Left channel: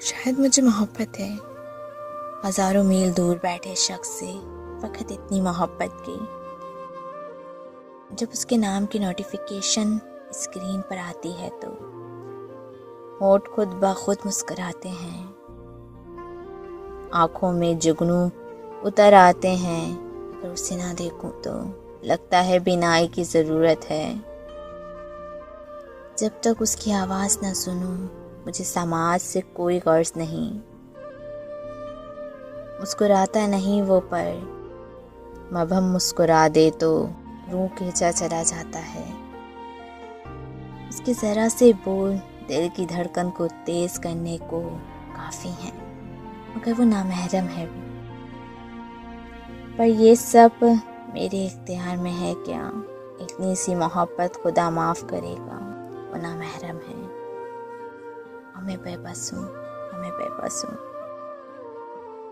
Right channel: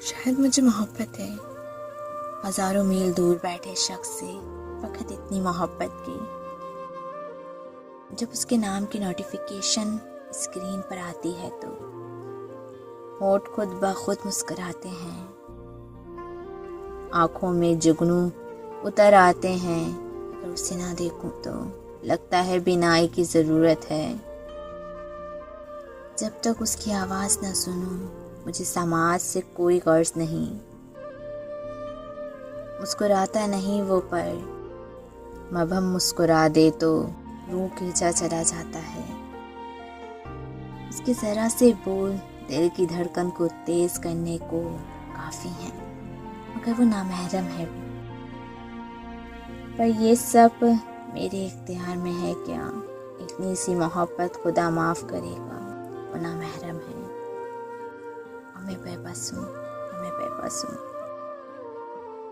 शायद मुझे मोहब्बत है, हज़ारों मील दूर बैठे शख्स से फ़कत इतनी मोहब्बत की। जब उसके नाम की नोटिफिकेशन स्क्रीन पर आती है तो होंठ खुद ब खुद मुस्कुराते हैं, आँखों में जुगनू उतर आते हैं। अगर उसे ना देखूं तो लगता है बिनाई की ज़रूरत है। जब तक उसकी आवाज़ ना सुनूं मुझे समाज से कोई गर्ज नहीं। मुस्कुराता नहीं वो पर मबहम मुस्कुरा दे तो रूह खींचा चला जाता है। उसके ज़रा से बोल दिल की धड़कन को तेज करने को काफ़ी है, मगर वो नामहरम है। पर ये सब मेरे इख्तियार में है क्या? इतनी सी मोहब्बत खुदा माफ़ करेगा, वो नामहरम है। मैं बेबस हूँ।